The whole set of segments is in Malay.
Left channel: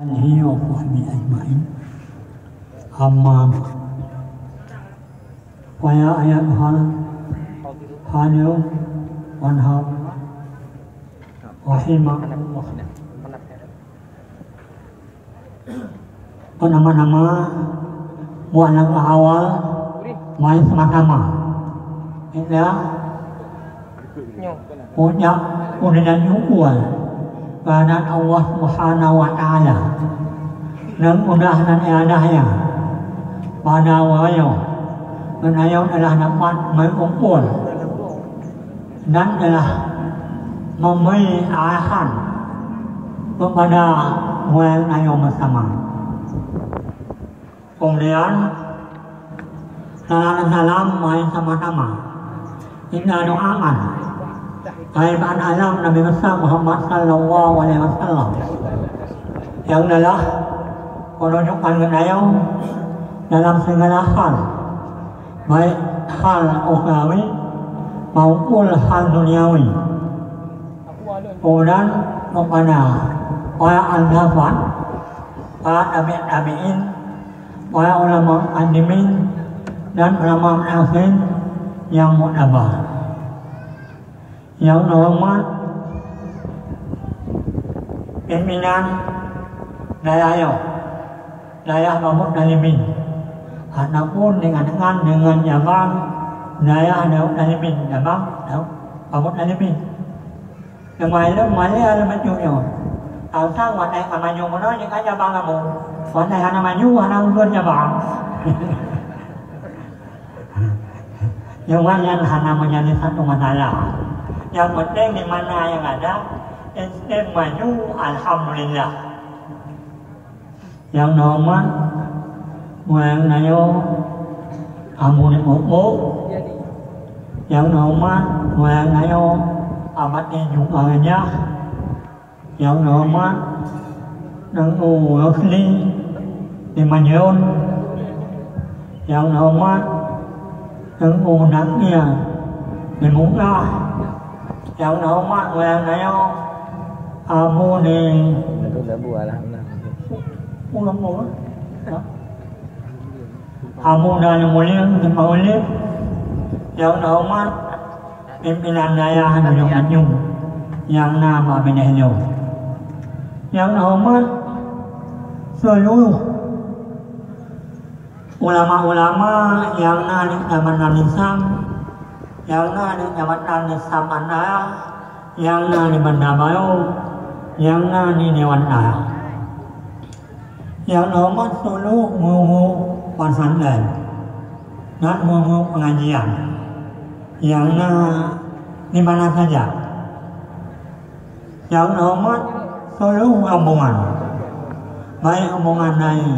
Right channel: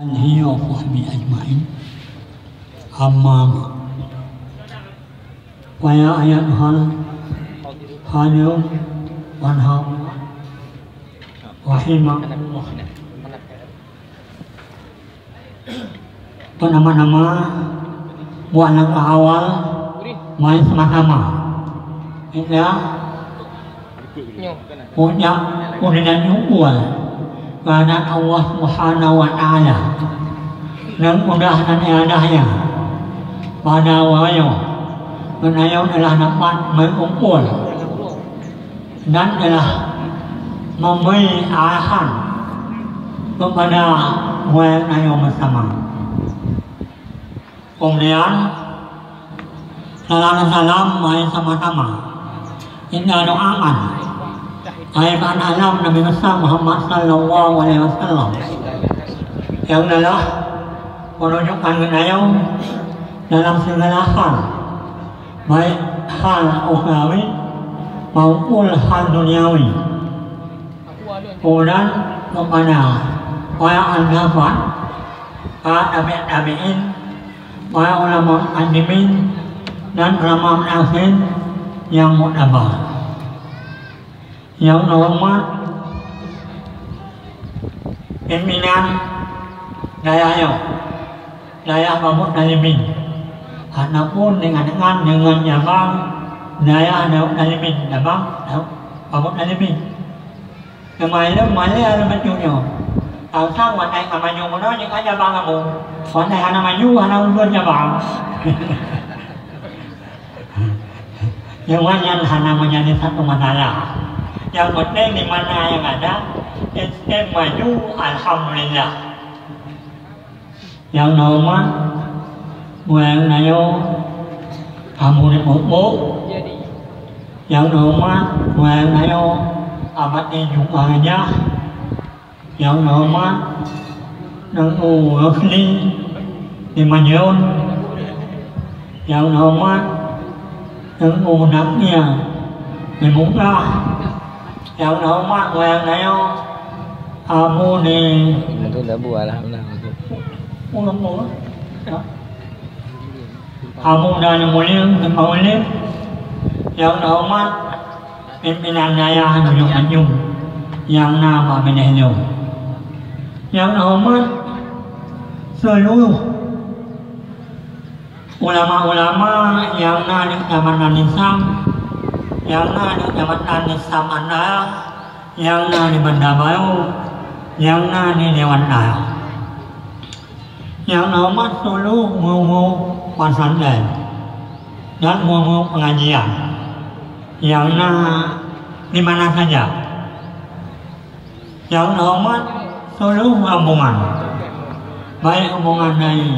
هي وصحبه أجمعين. أما بعد ويا أيها الحاضرون والحاضرات رحمكم الله. Nama-nama buat yang awal main sama-sama. Kita punya juga karena Allah Subhanahu wa Ta'ala dan mudah-mudahan adanya pada wayo menayo adalah dapat berkumpul dan adalah memberi arahan kepada wayo bersama. Kemudian salam main sama-sama. Kita doakan Ayat alam Nabi Muhammad Sallallahu Alaihi Wasallam yang adalah menunjukkan kenayo dalam segala hal, baik hal ukhrawi maupun hal duniawi. Kemudian kepada para sahabat, para tabi'in, para ulama alimin dan ulama akhir yang muktabar. Yang normal pimpinan daerah Mahmud Nalimin ataupun dengan Jabang daerah Nalimin Jabang Mahmud Nalimin kemarin ada macamnya sang wanai kamaju mana yang aja bang kamu wanai hana maju hana undur Jabang yang mana hana menjadi satu masalah. Yang penting di mana yang ada, sistem maju, alhamdulillah. Yang nomor, yang nayo, kamu ni buku. Yang nomor, yang nayo, amat ni juga aja. Yang nomor, nunggu rufli di Majun. Yang nomor, nunggu naknya di Muka. Yang nama yang nayo kamu ni itu dah buat lah ulang kamu dah mulia mulia yang nama pimpinan daerah Gunung Anjung yang nama Benehyo yang nama seluruh ulama-ulama yang ada zaman Islam yang ada jabatan Samana, yang ada di Bandar Baru, yang ada di Dewan Dayak, yang nomor seluruh guru pesantren dan guru pengajian, yang di mana saja, yang nomor seluruh rombongan, baik rombongan dari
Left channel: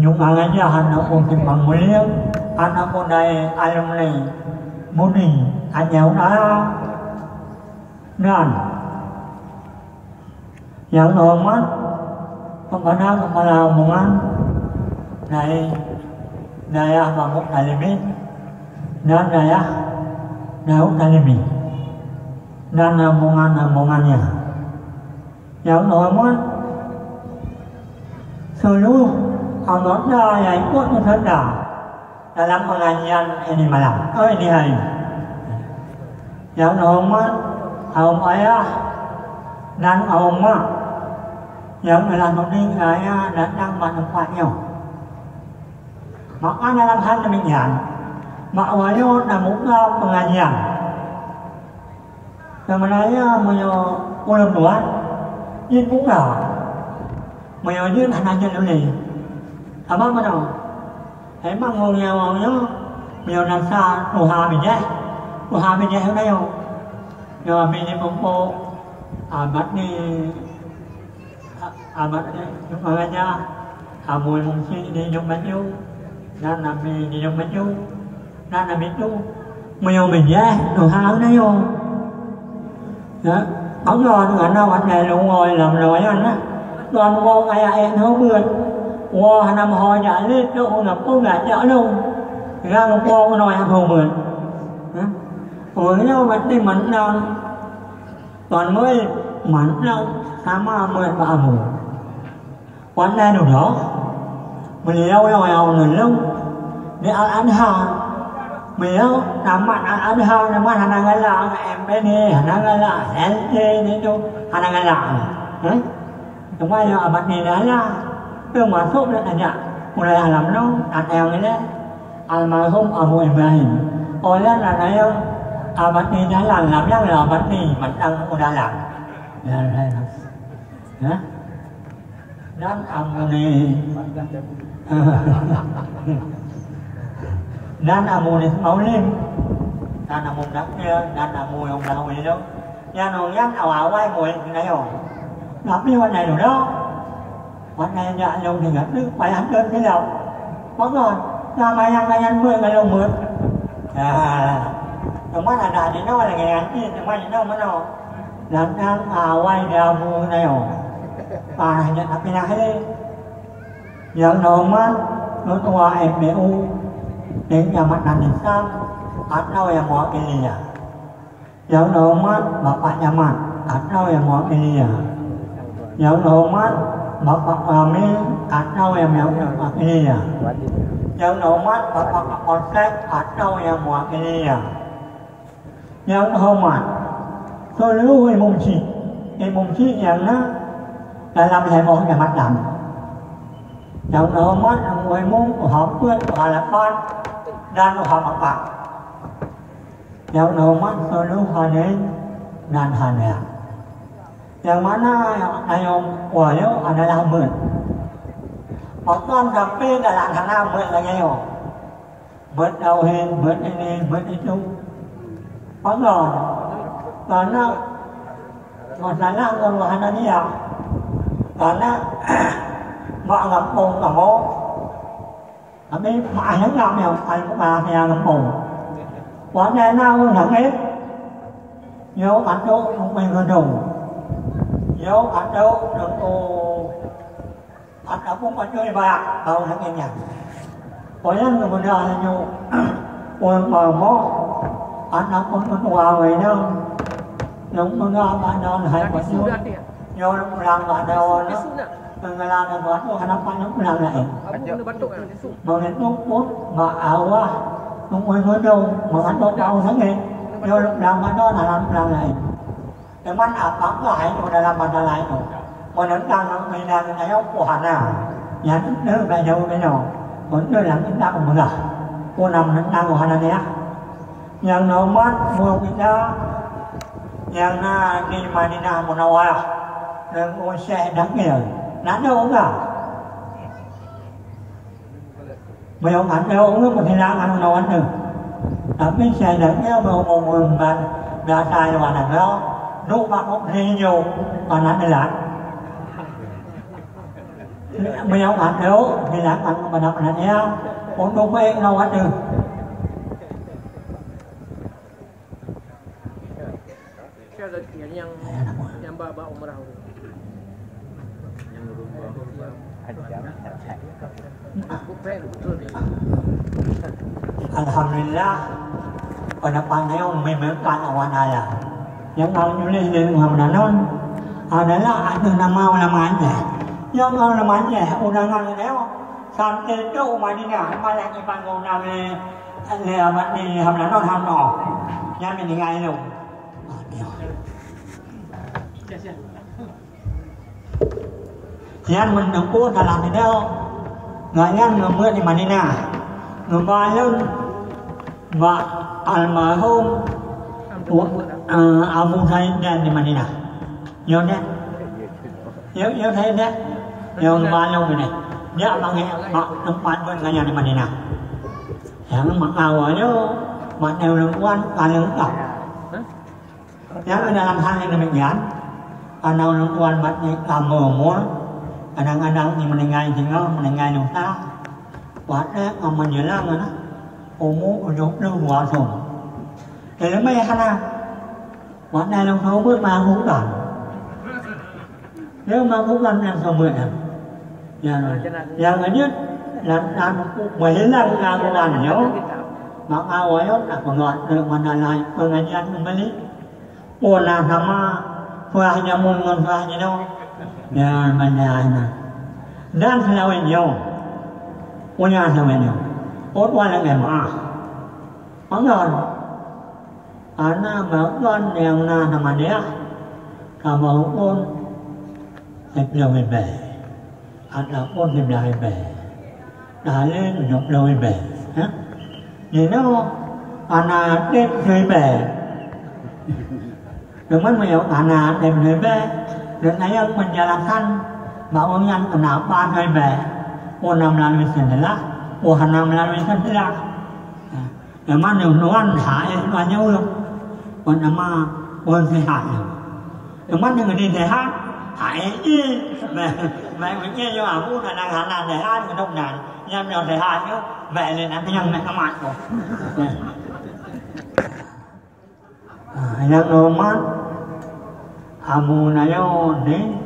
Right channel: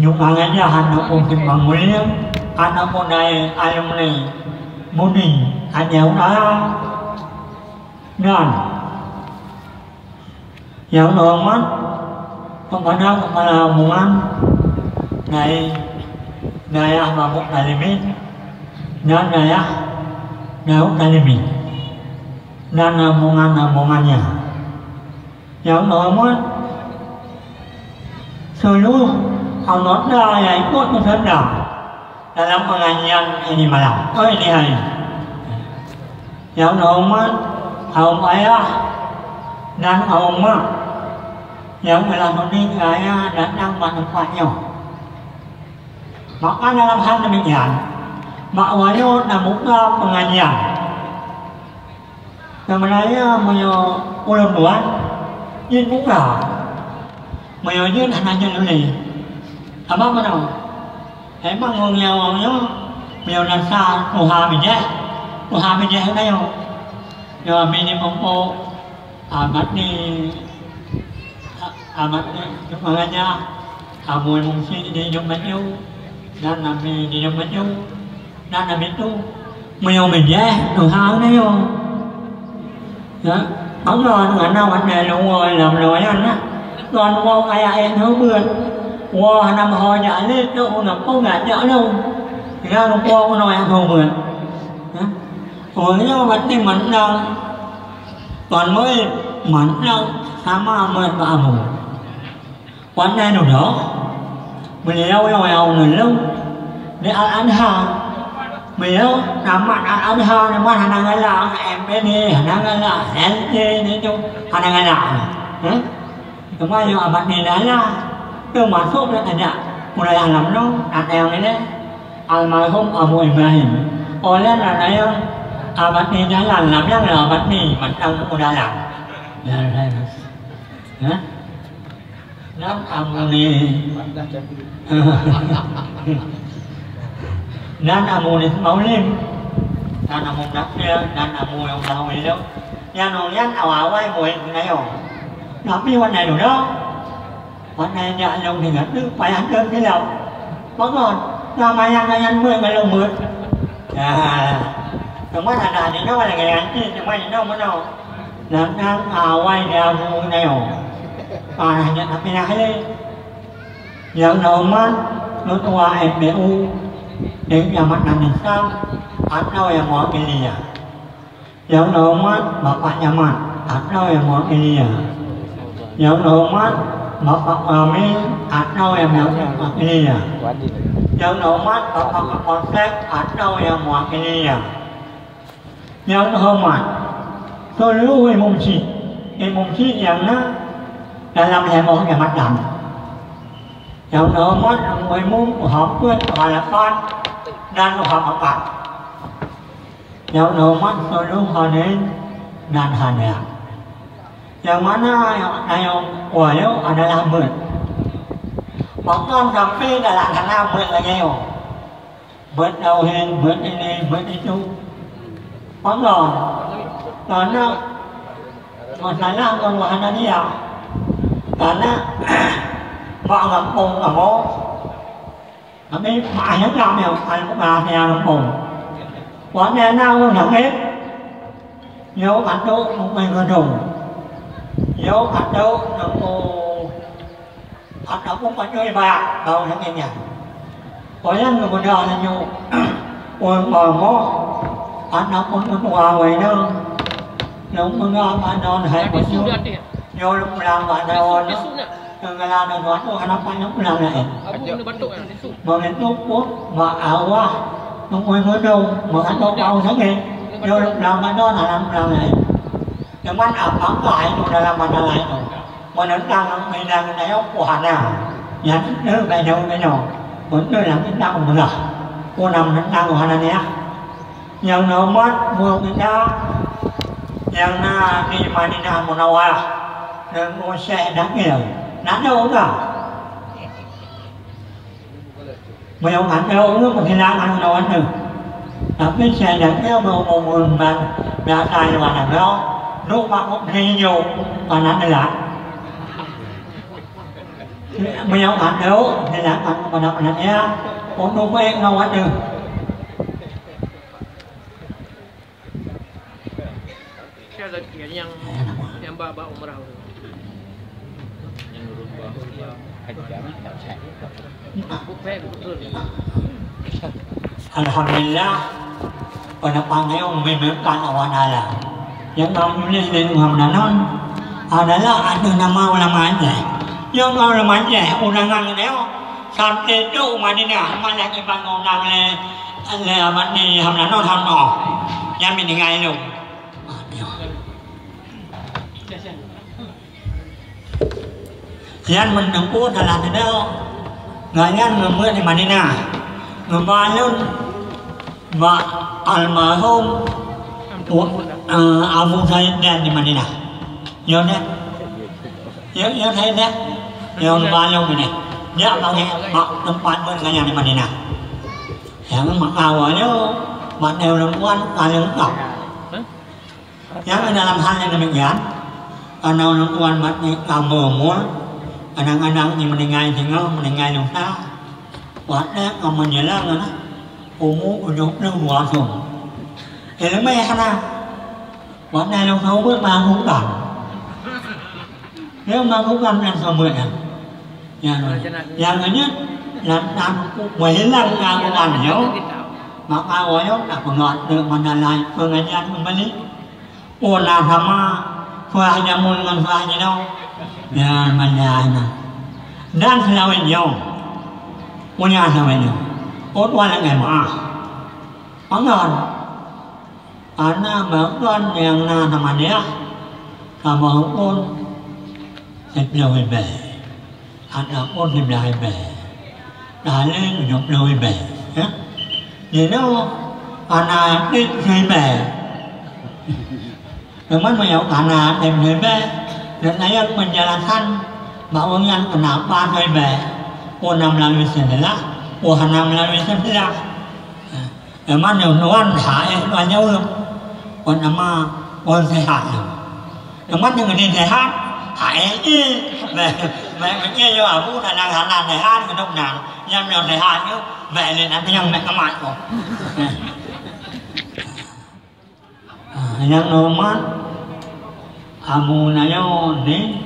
juga aja hendak mungkin Mulia. Anak muda alumni mudi ada orang dan yang normal kepada kepala rombongan dari daerah Mahmud Nalimin dan daerah Daud Nalimin dan rombongan-rombongannya yang normal seluruh anggota yang ikut beserta dalam pengajian ini malam, ini hari. Yang normal, kaum ayah dan kaum mak yang telah memberi saya datang manfaatnya. Maka dalam hal demikian, mak wayo dan buka pengajian. Sebenarnya punya ulang buat, ini buka. Punya hanya jadi apa mana? Emang ngomongnya biar nasa Tuhan bijak itu yo, yo bini pupuk amat ni makanya kamu mungkin di jumpa itu dan nabi di jumpa itu dan nabi itu biar bijak Tuhan itu yo, ya ông lo ngành đâu anh này luôn rồi làm rồi anh á, còn vô ai nó bươn wow nằm hồi nhảy lên đâu là cô ngã nhỡ đâu ra một cô nói ăn hồ mượn với nhau vẫn đi mặn đâu còn mới mặn đâu sama amun amu. Quán này đủ đó. Mình lâu người lâu. Để ăn hàng. Mình lâu nằm mặt ăn hàng nằm mặt hàng ngày là em bên đi hàng ngày là em đi chung hàng ngày là. Đúng không? Nhưng mà bạn này nói là đừng mà sốt nữa nhỉ. Một này làm nó ăn eo này đấy. Ăn mà không ở mùi mình. Ôi lên là đấy không? Bạn này nói là làm nhắc là bạn này mình ăn cũng đã làm. Nan amuni nan amuni máu lim nan amun đắp kia nan amuni ông nào vậy đâu nhà nó nhát ảo quay mùi này không nó điวันnày đủ đóวันnày nhà lông thì ngất nước phải ăn cơm cái đầu có rồi nó mai ăn mười ngày lông mười đừng mắt là thì nó là ngày ăn chứ đừng mắt thì nó mới đâu nan ảo quay đeo mùi này không bà này nhận làm cái này nhận đầu mắt nó qua em bé u đến nhà mắt làm đến sao ăn đâu em mỏ cái gì à nhận đầu mắt bà bạn nhà mặt ăn đâu em mỏ cái gì à nhận đầu mắt bà bạn mình ăn đâu em mỏ cái gì à nhận đầu mắt bà bạn con sách ăn đâu em mỏ cái gì à nhận đầu mắt tôi lưu về mùng chi nhận đó là làm thầy một cái mặt đậm dạo nữa mắt người muốn của họ quyết của họ là con nên của họ mặc bạc dạo nữa mắt tôi luôn họ đến nên hà nè dạo mắt nó này ông của yếu ở đây làm mượn bọn con gặp bên là làm thằng nào mượn là nghe không mượn đầu hình mượn đi mượn đi chung bóng rồi còn nó một là lao còn một là đi học karena mak ngempung kamu tapi maknya kami kalau yang ngempung warna nào thằng hết nhớ ăn đâu mình người đồng nhớ ăn đâu đừng ăn đâu cũng có chơi bạc đâu thằng em nhỉ có những người bây giờ là nhiều quần mà mó ăn đâu cũng có quà vậy đâu đúng không đâu ăn đâu hay một chút vô lúc làm mà đâu nó đừng làm được nó phải lúc làm này mà đến lúc quốc mà ảo quá không quên mới đâu mà anh đâu bao tháng nghe vô lúc làm mà nó là làm này nhưng mà ảo ảo lại rồi là làm mà lại rồi mà đến đang mình đang cái áo quả nào nhà nước đây đâu đây nhỏ vẫn nơi làm cái đạo mà là cô nằm đến đang của hắn này nhờ nó mất vừa cái đó nhờ na đi mà đi nào một nào à đừng ô xe đáng nghèo nán đâu cả mày ông ăn đâu nước một cái lá ăn đâu ăn được cái xe đáng nghèo mà một người mà đã tài mà làm đó lúc mà cũng đi nhiều mà nán đây là mày ông ăn đâu thì là ăn mà đọc là nhé ông đâu có em đâu ăn được yang bawa umrah yang nurun Alhamdulillah pendapat ông memberikan awanala yang kami lihat Ramadan adalah ada nama aja yang nama aja undangan itu sampai itu Madinah malah dibangun oleh abad ni Ramadan hanno yang meninggal itu Yan mình đừng cố là thế đâu người nhân người mượn thì mà đi nào người ba nhân và mà hôm ông thầy đèn thì mà đi nào nhớ đấy nhớ thế đấy nhớ ba lâu rồi này nhớ bao nghe mặc đồng quan bên người nhà thì mà đi nào nhớ mặc áo ở nhớ mặc đều đồng quan lưng ngọc nhớ cái làm hai là mình gán nào đồng quan mặc áo mờ múa anak-anak yang meninggal tinggal meninggal nungsa waktu menjelang mana umur udah luasung mấy hana waktu yang tahu pun mahu kan nếu mahu kan yang sama yang ini yang menjelang kan yo maka awalnya tak pengat dengan lain pengajian kembali pola sama Fuahnya mun ngon fuahnya no. Ya manjana. Dan selawen yo. Punya selawen yo. Ot wala ngema. Mangan. Ana bangun yang na nama dia. Kamu pun sebelum ibe. Ada pun sebelum ibe. Lalu sebelum ibe. Ya. Jadi ana dit ibe. Memang banyak tanah dan bebe dan saya penjelasan bangunan kenapa bebe orang melalui sebelah orang melalui sebelah memang nuan saya banyak orang nama orang sehat memang yang di sehat saya ini mereka je aku kadang-kadang sehat hidup nang yang sehat tu bebe nanti yang mereka makan yang normal Amu nayo ni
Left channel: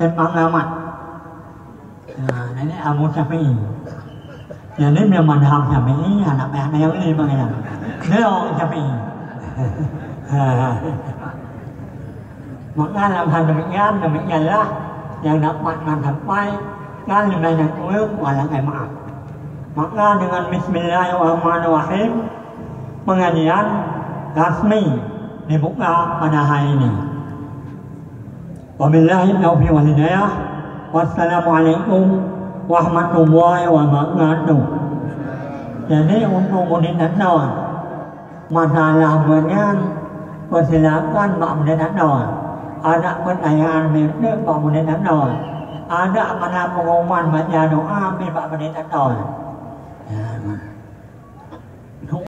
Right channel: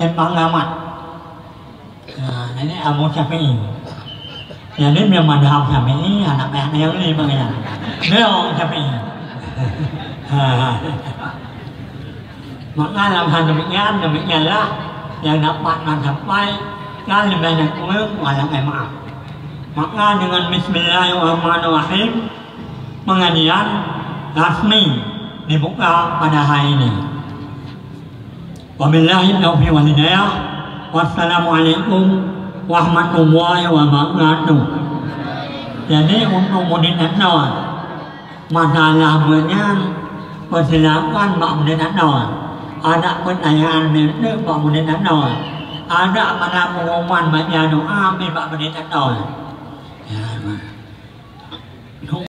pengalaman. Ini amu Syafi'i. Jadi memang madhab Syafi'i anak nayo ni bagaimana? Nayo Syafi'i. Maka dalam hal demikianlah yang dapat mencapai kan lebih banyak walau maaf. Maka dengan Bismillahirrahmanirrahim pengajian rasmi dibuka pada hari ini. Wabillahi taufiq wal hidayah. Wassalamualaikum warahmatullahi wabarakatuh. Jadi untuk murid Natal, masalah persilakan Pak Murid Natal. Ada pertanyaan mirip Pak Murid Natal. Ada mana pengumuman baca doa Pak Murid Natal.